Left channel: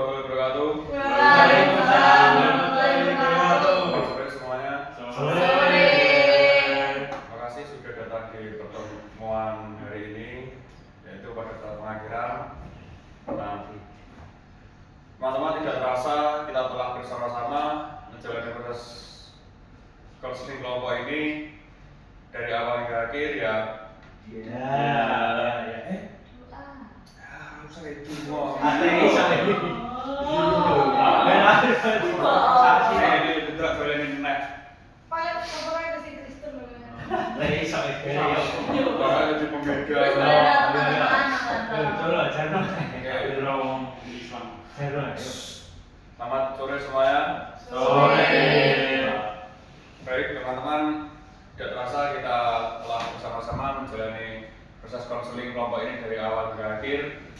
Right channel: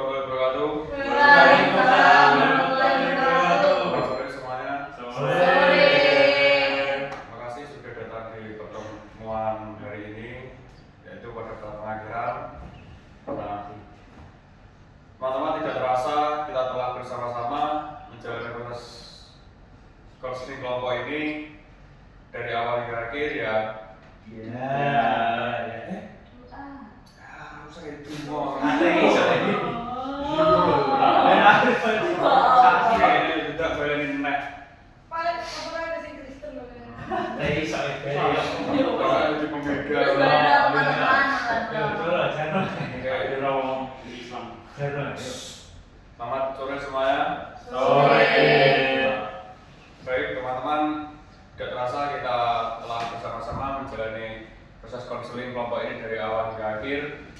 warahmatullahi wabarakatuh. Waalaikumsalam warahmatullahi wabarakatuh. Sore semuanya. Sore. Terima kasih sudah datang di pertemuan hari ini, yaitu pada pengakhiran. Nah, teman-teman, tidak terasa kita telah bersama-sama menjalani proses counseling kelompok ini dari awal hingga akhir ya. Saya itu mau. Ini tidak boleh nek. Paling orang ada sing Kristen loh. Bapak jadi pembeda. Selamat sore semuanya. Sore. Baik teman-teman, tidak terasa kita telah bersama-sama menjalani proses konseling kelompok ini dari awal hingga akhir.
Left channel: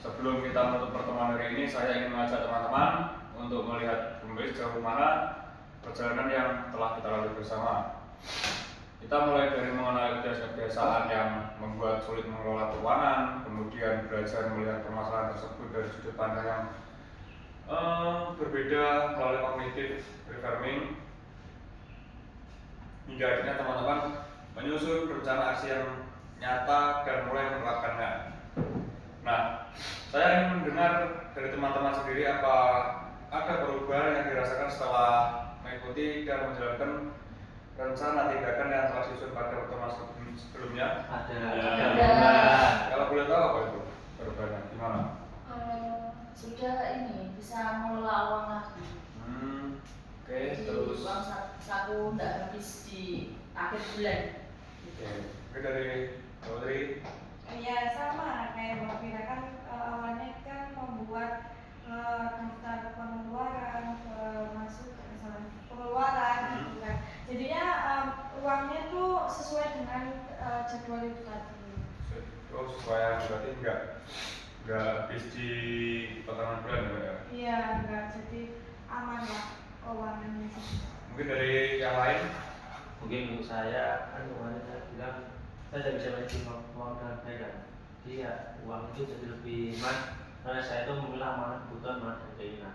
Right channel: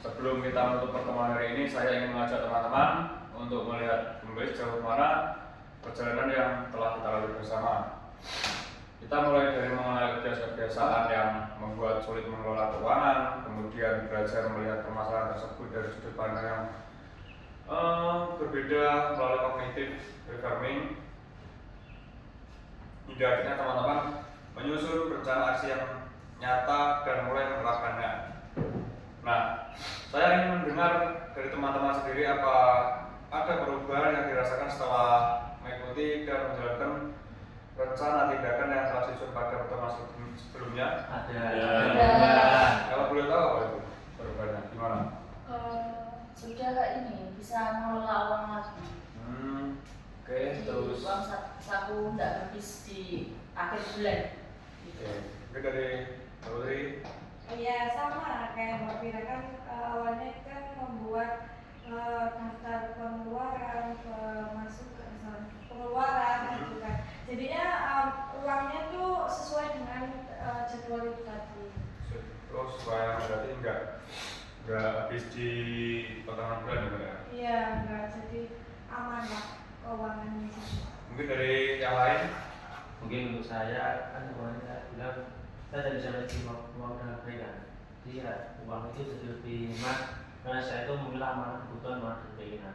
Sebelum kita menutup pertemuan hari ini, saya ingin mengajak teman-teman untuk melihat kembali sejauh mana perjalanan yang telah kita lalui bersama. Kita mulai dari mengenai kebiasaan yang membuat sulit mengelola keuangan, kemudian belajar melihat permasalahan tersebut dari sudut pandang yang berbeda melalui cognitive reframing, hingga akhirnya teman-teman menyusun rencana aksi yang nyata dan mulai menerapkannya. Nah, saya ingin mendengar dari teman-teman sendiri apa ada perubahan yang dirasakan setelah mengikuti dan menjalankan rencana tindakan yang telah disusun pada pertemuan sebelumnya. Ada. Kalau boleh tahu apa itu perubahannya, gimana? Sudah ini bisa mengelola uang lagi. Oke, terus. Uang saku tidak habis di akhir bulan. Oke, mungkin dari Mbak Putri. Ya sama kayak Mbak Vira kan awalnya kan membuat daftar pengeluaran, pengeluaran gitu kan. Jadinya uangnya tuh sesuai dengan jadwal itu tadi. Terus supaya berarti nggak habis di pertengahan bulan ya Mbak ya? Iya, enggak jadi aman lah keuangannya. Mungkin dari yang lain? Mungkin untuk saya kan kemarin saya bilang saya tidak bisa melihat uang dengan baik kan. Jadi ya uang itu jadi lebih hemat karena saya itu memilah amanah kebutuhan mana dan keinginan.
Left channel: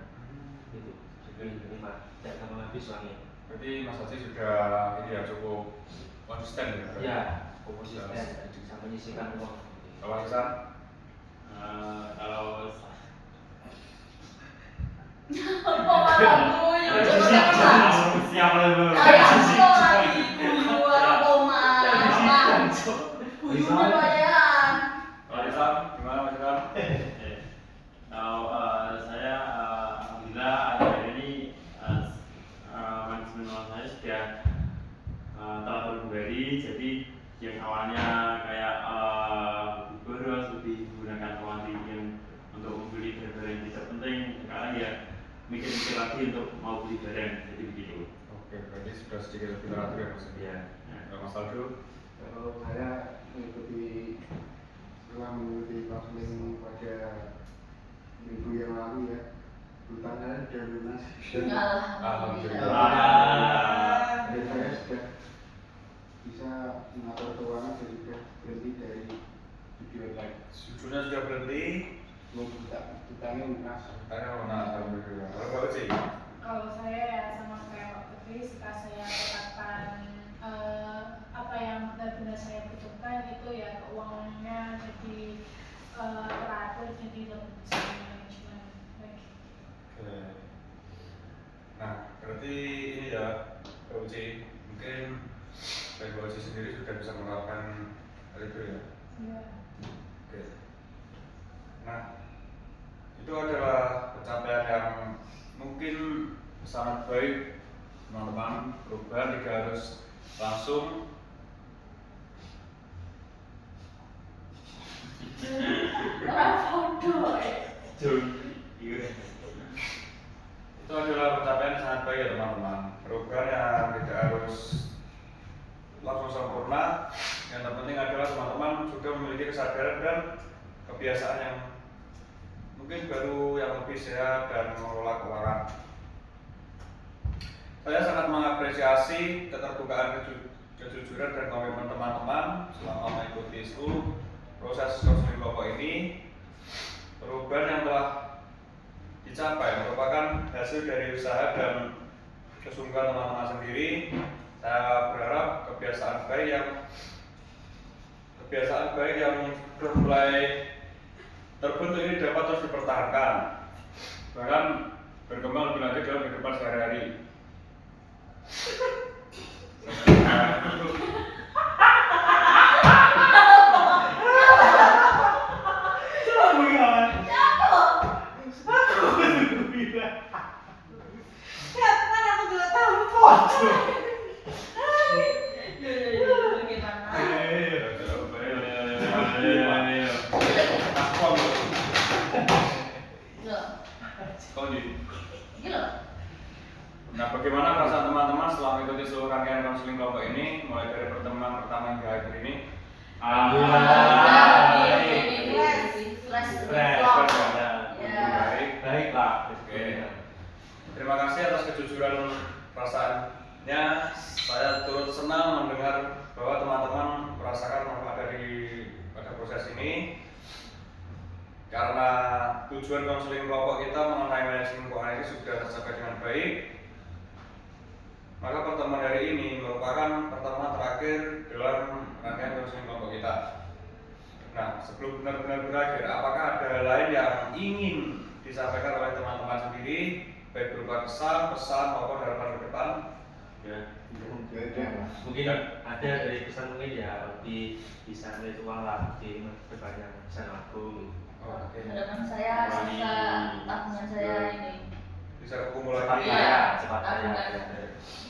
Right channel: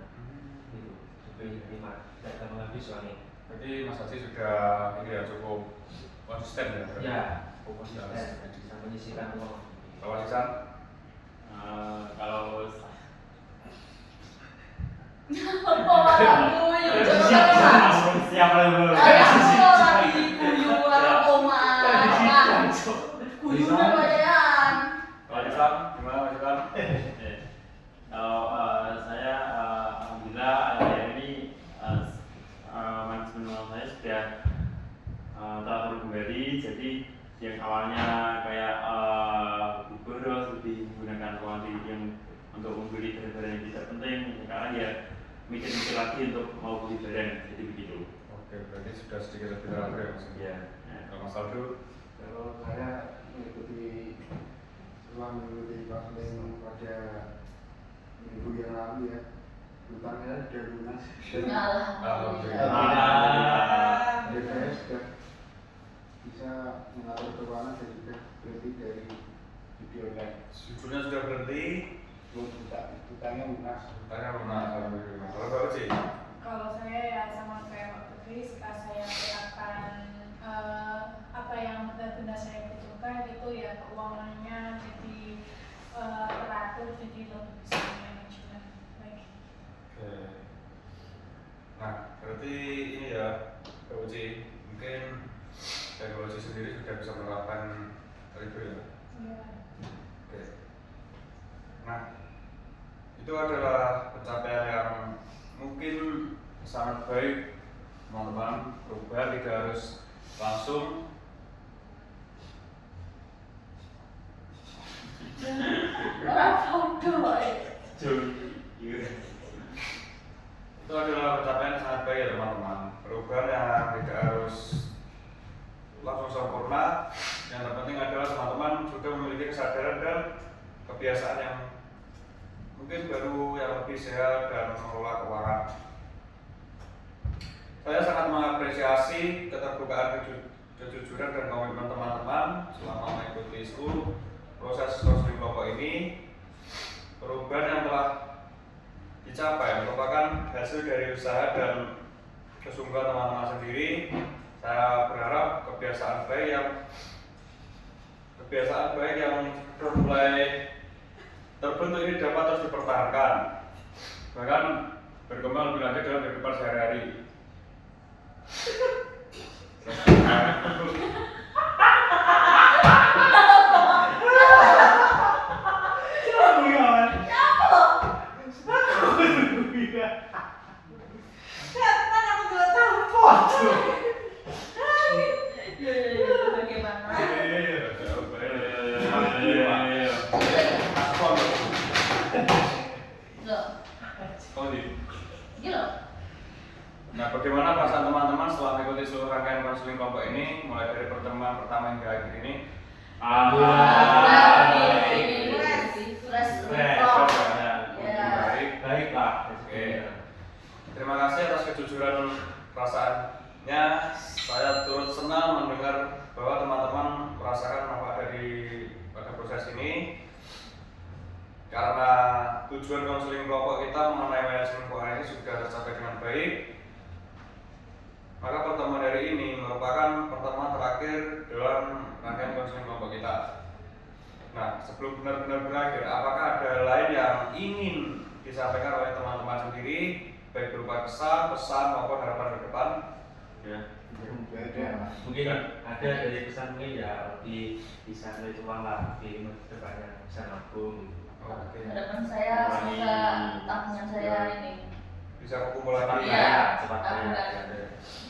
Gitu. Lebih hemat, tidak gampang habis uangnya. Berarti Mas Haji sudah ini ya cukup konsisten ya? Ya, konsisten bisa menyisihkan uang. Kalau Hasan? Kalau siap level. Gimana Mas Hasan? Kalau saya alhamdulillah akhir ini manajemen uang saya sudah teratur kembali. Jadi yang awalnya kayak lebih boros, lebih menggunakan uang yang untuk membeli barang-barang yang tidak penting, sekarang ya mikir-mikir lagi untuk mau beli barang. Jadi begitu. Oke, berarti sudah sedikit lebih teratur ya Mas? Ya. Kalau Mas Aldo? Kalau saya setelah mengikuti counseling pada minggu yang lalu ya, hutang saya sudah lunas. Alhamdulillah. Dan saya sudah bisa mengatur keuangan dan sudah berhenti dari judi online. Judulnya sudah berhenti. Hutangnya lunas. Hutangnya lunas. Alhamdulillah. Kalau Mbak Uci? Kalau saya ya sama kayak Mbak Putri, setelah saya terapkan apa yang benar-benar saya butuhkan itu ya keuangannya jadi teratur, jadi lebih bisa manajemen lagi. Oke. Nah, berarti ini ya Mbak Uci, mungkin dan Mbak Uci sendiri sudah bisa menerapkan hal itu ya? Iya. Oke. Nah, itu adalah pencapaian yang mungkin sangat baik teman-teman. Perubahan tidak harus langsung. Itu adalah pencapaian yang sangat baik ya teman-teman. Perubahan yang tidak harus langsung sempurna. Yang terpenting adalah teman-teman sudah memiliki kesadaran dan kebiasaan yang mungkin baru yang lebih sehat dan mengelola keuangan. Saya sangat mengapresiasi keterbukaan, kejujuran dan komitmen teman-teman selama mengikuti seluruh proses konseling kelompok ini. Perubahan yang telah dicapai merupakan hasil dari usaha dan kesungguhan teman-teman sendiri. Saya berharap kebiasaan baik yang sudah mulai terbentuk ini dapat terus dipertahankan, bahkan berkembang lebih lanjut dalam kehidupan sehari-hari. Kan aku juga tahu. Bagaimana? Loh, ini loh. Nah, bagaimana perasaan teman-teman setelah mengikuti seluruh rangkaian konseling kelompok ini, mulai dari pertemuan pertama hingga akhir ini? Baiklah. Oke. Terima kasih atas kejujuran perasaannya. Saya turut senang mendengar bahwa teman-teman merasakan manfaat pada proses ini. Karena tujuan konseling kelompok kita mengenai manajemen keuangan ini sudah tercapai dengan baik, maka pertemuan hari ini merupakan pertemuan terakhir dalam rangkaian konseling kelompok kita. Nah, sebelum benar-benar berakhir, apakah ada hal lain yang ingin disampaikan oleh teman-teman sendiri, baik berupa pesan maupun harapan ke depan? Ya. Ada. Mungkin ada dari pesan mungkin ya lebih bisa nilai uang lah di depannya bisa nabung gitu. Oke. Harapan saya semoga tabungan saya ini. Bisa kekumpul Cepat lagi. kaya, cepat kaya. Tabungan. Ya.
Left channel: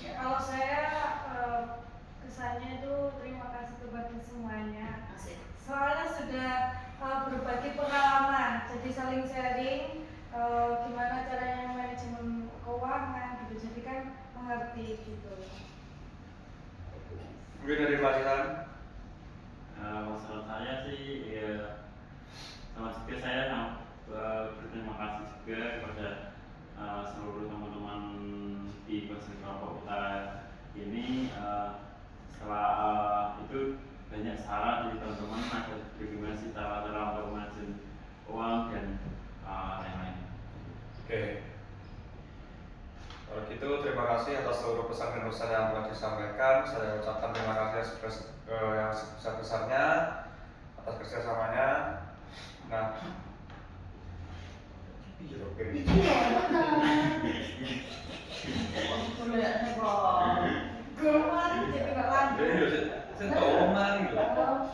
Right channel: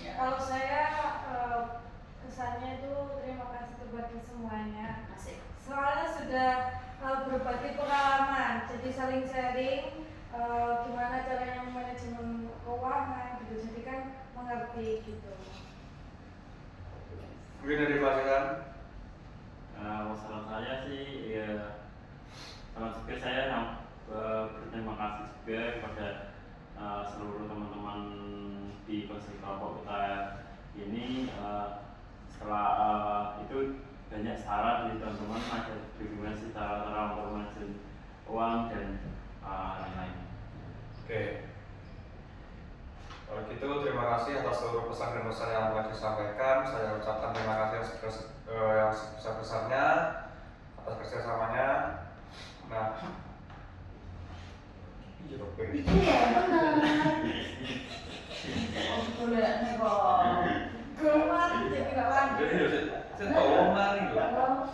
Ya. Kalau saya kesannya itu terima kasih kepada semuanya. Asik. Soalnya sudah berbagi pengalaman, jadi saling sharing gimana caranya manajemen keuangan gitu. Jadi kan mengerti gitu. Mungkin dari Pak Sihan. Masalah saya sih ya sama juga saya berterima kasih juga kepada seluruh teman-teman di konseling kelompok kita ini. Setelah itu banyak saran dari teman-teman agar bagaimana sih cara-cara untuk manajemen uang dan lain-lain. Oke. Kalau gitu terima kasih atas seluruh pesan dan pesan yang telah disampaikan. Saya ucapkan terima kasih yang sebesar-besarnya atas kerjasamanya. Nah, Iya benar. Oh, boleh nih kok. Kemarin jadi nggak lanjut. saya tahu mari loh.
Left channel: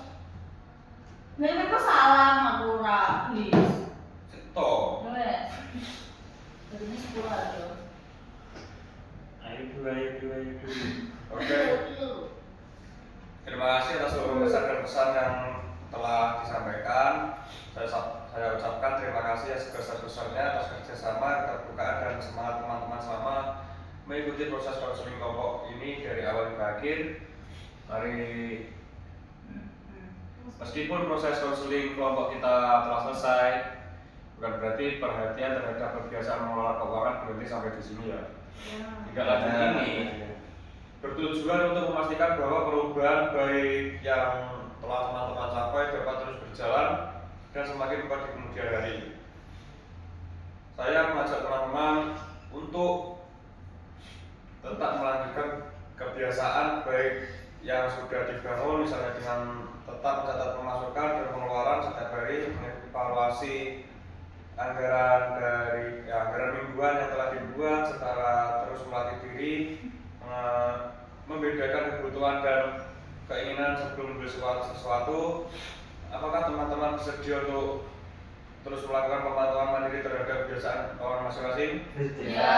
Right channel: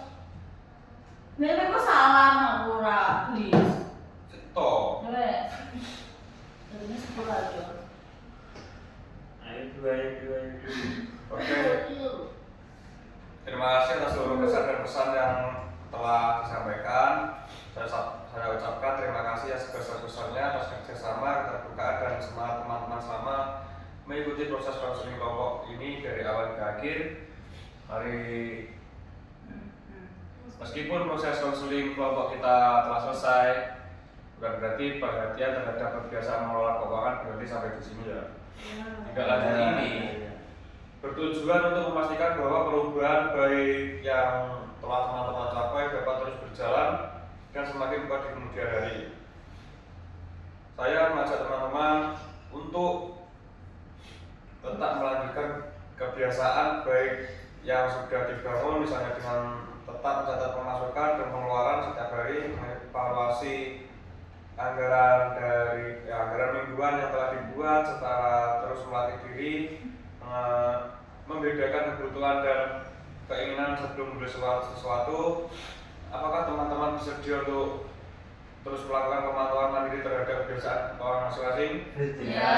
Memang kok salah aku ora, please. Seto. Wes. Tadinya 10 aja. Ayo dua. Oke. Terima kasih atas seluruh pesan dan pesan yang telah disampaikan. Saya ucapkan terima kasih yang sebesar-besarnya atas kerjasama, keterbukaan dan semangat teman-teman selama mengikuti proses konseling kelompok ini dari awal hingga akhir. Meskipun proses konseling kelompok kita telah selesai, bukan berarti perhatian terhadap kebiasaan mengelola keuangan berhenti sampai di sini ya. Hingga lanjut ini bertujuan untuk memastikan bahwa perubahan baik yang telah teman-teman capai dapat terus berjalan dan semakin kuat di kemudian hari. Saya mengajak teman-teman untuk tetap melanjutkan kebiasaan baik yang sudah dibangun, misalnya dengan tetap mencatat pemasukan dan pengeluaran setiap hari, mengevaluasi anggaran mingguan yang telah dibuat, secara terus melatih diri, membedakan kebutuhan dan keinginan sebelum membeli sesuatu. Apakah teman-teman bersedia untuk terus melakukan pemantauan mandiri terhadap kebiasaan keuangan masing-masing? Ya.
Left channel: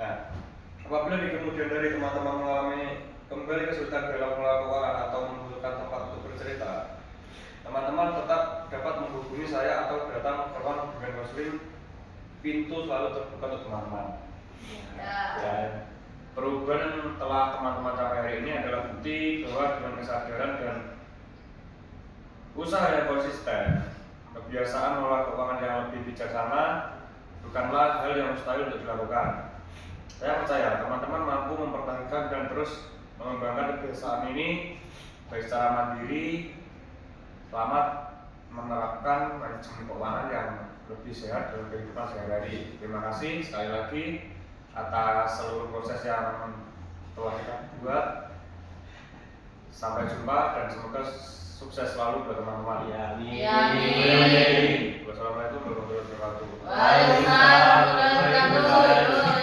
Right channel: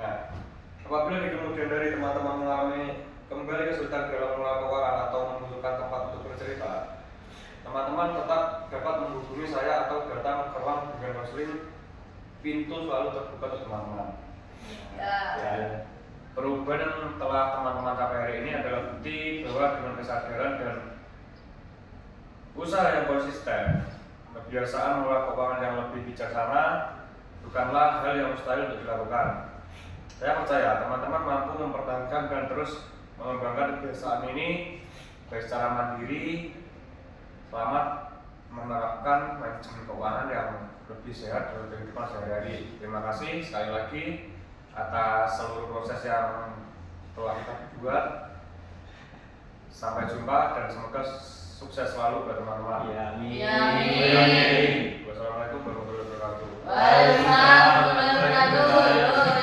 Nah, apabila di kemudian hari teman-teman mengalami kembali kesulitan dalam mengelola keuangan atau membutuhkan tempat untuk bercerita, teman-teman tetap dapat menghubungi saya atau datang ke ruang bimbingan konseling. Pintu selalu terbuka untuk teman-teman. Ya. Perubahan yang telah teman-teman capai hari ini adalah bukti bahwa dengan kesadaran dan usaha yang konsisten, kebiasaan mengelola keuangan yang lebih bijaksana bukanlah hal yang mustahil untuk dilakukan. Saya percaya teman-teman mampu mempertahankan dan terus mengembangkan kebiasaan ini baik secara mandiri. Selamat menerapkan manajemen keuangan yang lebih sehat dalam kehidupan sehari-hari. Terima kasih sekali lagi atas seluruh proses yang telah kita buat. Sampai jumpa dan semoga sukses selalu buat teman-teman. Ya, Ya, amin. amin. Wassalamualaikum warahmatullahi wabarakatuh. Waalaikumsalam warahmatullahi wabarakatuh.